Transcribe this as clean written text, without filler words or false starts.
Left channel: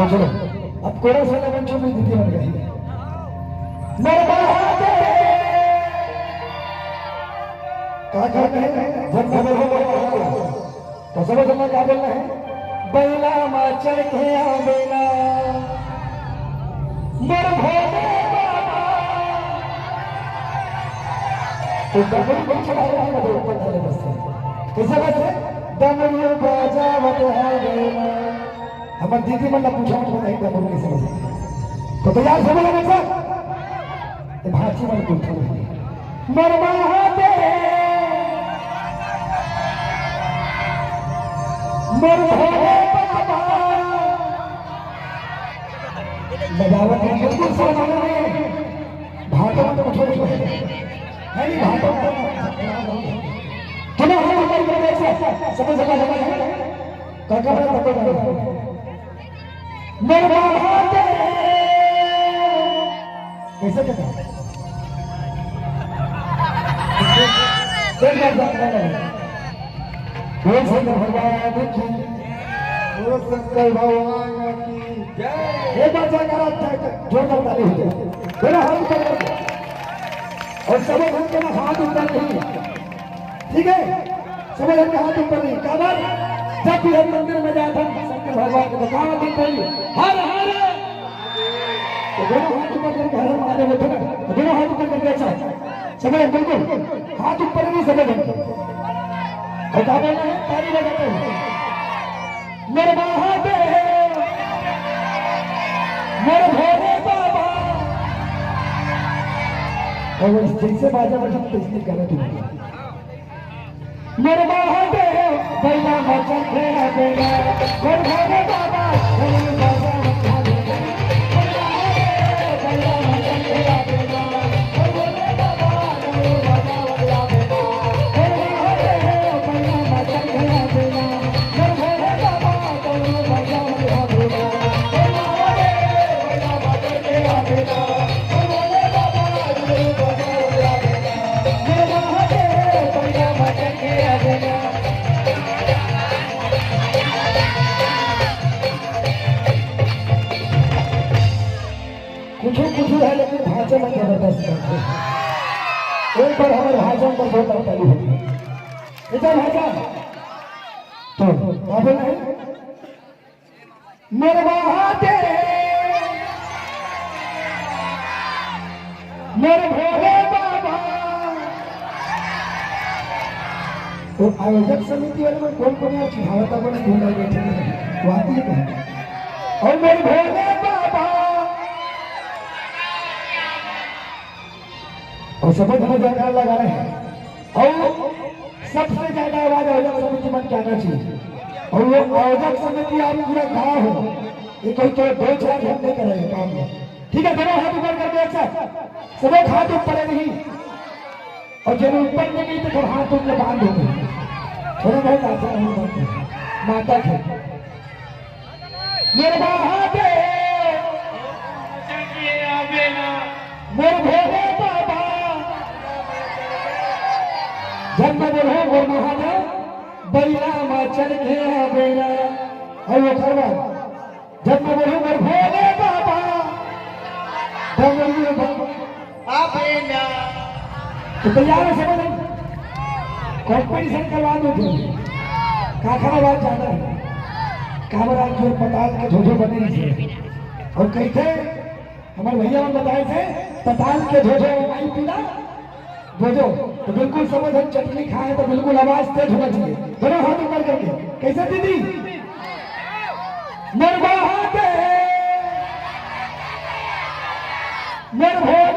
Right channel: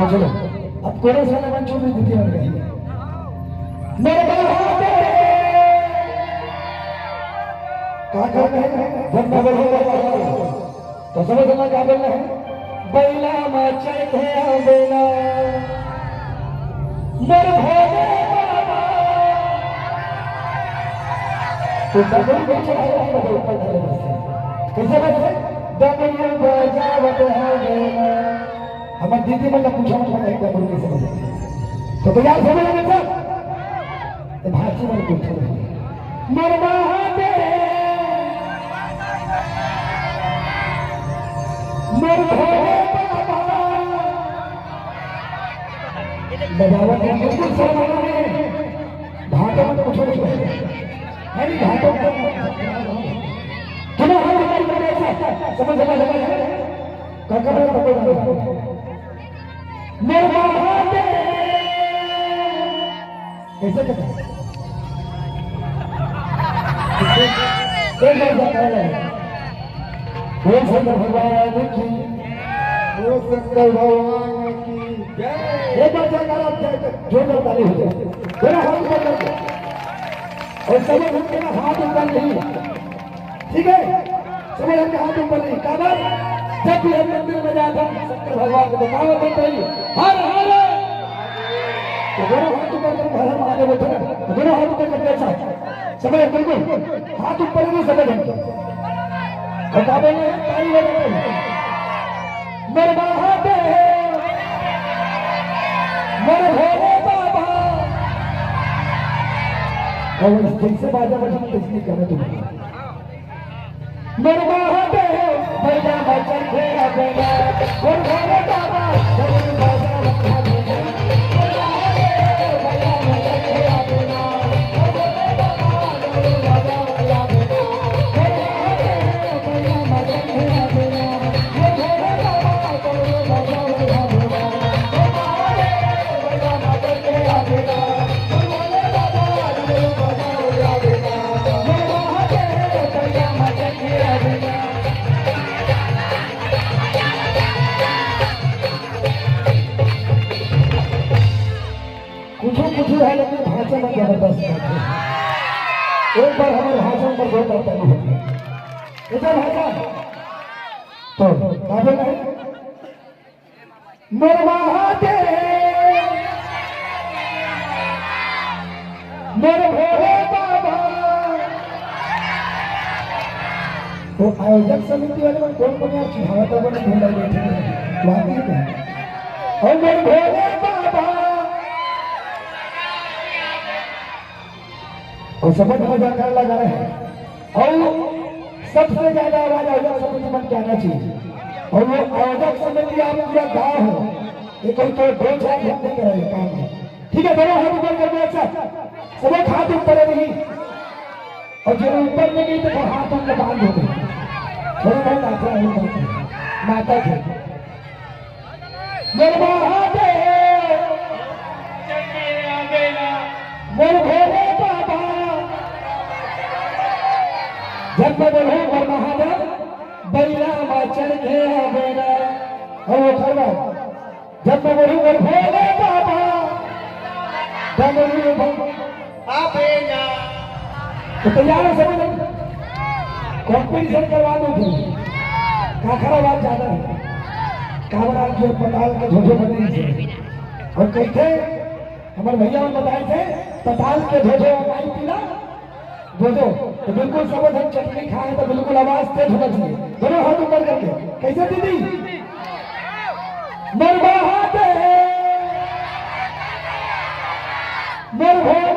चलो अब कोरस वाला मंचों में दीदी बन गई मेरे क्या कहते हैं जब खबर हो तो समझ में क्या बोलना है बैला माचा के बेला मेरे भोले बाबा तो डबल को चढ़ाया है ऊपर वाले बस कैसे बात है डबल बजावत है बेला हमारे दीदी मतलब पूछा मतलब नहीं डबल कैसे बजा तो तैयार हो गया ना सर तो भाजी मन पूछो मरवा दे मर भोले बाबा बजावत है बिल्कुल सही है भाटो में पूछो है नहीं भाटो चलो हम हमारी बड़े से समझ समझ काका बड़ा तब मरवा दे कैसे कहता है कोई बात जाता है बोल शंकर भगवान की बोल शंकर भगवान की जय ये बात करा जो करता नहीं हो मेरा हाथ ऊपर कर और सब उनके ना हाथ ऊपर नहीं ठीक है सब उनके हाथ ऊपर नहीं काबर जब भी हम मंदिर में जाते हैं शंकर भगवान को बताओ दिन चाहिए हर हर तो मेरे हाथ ऊपर करके हर मारे बैठे ना तो मेरा हाथ ऊपर करके ऐसा समझ बिल्कुल हाथ ऊपर नहीं समझ बता देंगे ताली लगा मेरे बाबा दे मेरे भोले बाबा और जैसे बाजा बजा किसने कहना तुम मेरे बाबा दे बड़ा बच्चा खेला देगा मेरे भोले बाबा कुछ है लेकिन भाषा में जबरदस्त है एक बार हमारे भाषा पर बहुत ताली होती है इधर भाषा तो काफी नहीं मेरे बाबा दे मेरे भोले बाबा तो आयोजक समिति वाले कौन कौन यार चिढ़ावता में ढूंढा बैठे हैं वहां भी और मेरे भोले बाबा और सफेद मजा लगा रहे हैं और सबसे ज्यादा आवाज आयोजक समिति बन के आना चाहिए और वो आयोजक समिति आप पूरा गाँव हो ये कहीं तो 2-4 घंटे कराए काम में ठीक है मेरे हाथ ऊपर कर दे अच्छा समय हाथ ऊपर नहीं और जब ऊपर में नहीं तो फिर हाथ ऊपर बांध होते माता थे मेरे बाबा दे मेरे भोले बाबा जब मैं बोलूं और महादेव बैला माचल घेरा बेरा है वो खरवा जब मैं बोलूं और भोले बाबा डमरू बम आपेना तो तैयार है समझ कॉम्पिटिशन करवा दो तुम खाखरा बात ज्यादा है कावरा जो पताल के धोखे बने थे और कही थे हमारे भैया ने बताए थे पताल के धोखे हमारी पीना भेजो तो बिल्कुल समझ हम चटनी खाए तो बिल्कुल आवाज तेज होना चाहिए बड़े हाथ ऊपर करके कैसे दीदी निर्भय